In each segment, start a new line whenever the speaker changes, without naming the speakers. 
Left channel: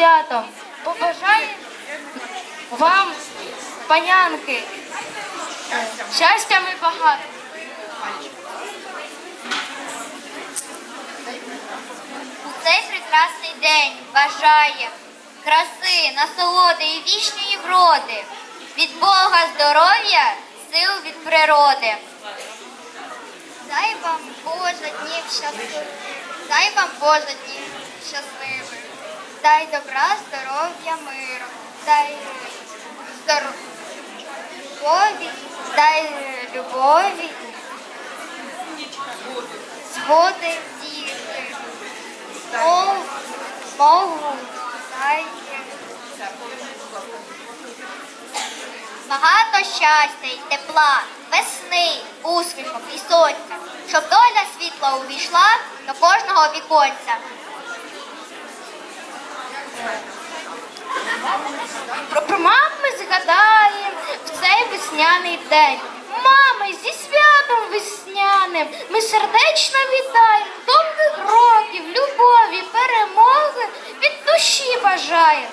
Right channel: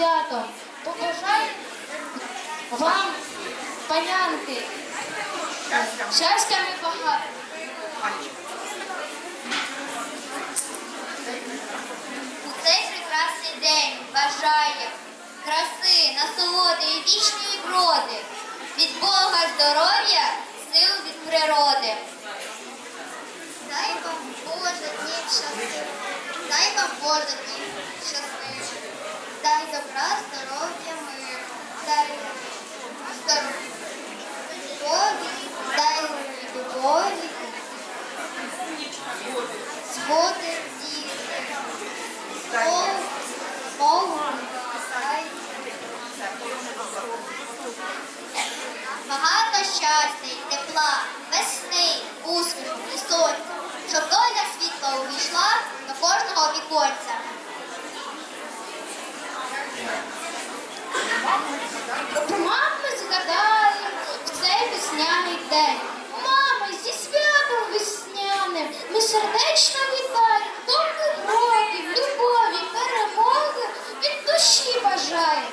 святом. Побажаю вам, панянки, щастя ми багато.
У цей прекрасний день бажає краси, насолоди і вічної вроди, від Бога здоров'я, сил від природи. Дай вам Боже днів щасливих, дай вам Боже днів добра, здоров'я, миру, дай здоров'я, дай любові, згоди діти. Мову дайте. Багато щастя й тепла, весни, усміхом і сонця, щоб доля світла увійшла до кожного віконця.
День. Мами, зі святом весняним ми сердечно вітаємо, довгих років, любові, перемоги від душі бажаємо.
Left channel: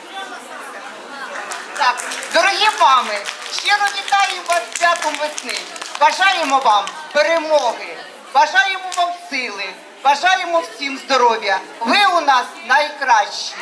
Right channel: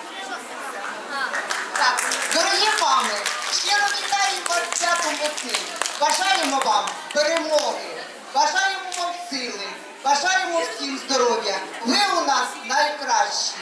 Так, дорогі мами, щиро вітаю вас святом весни. Бажаємо вам перемоги, бажаємо вам сили, бажаємо всім здоров'я. Ви у нас найкращі.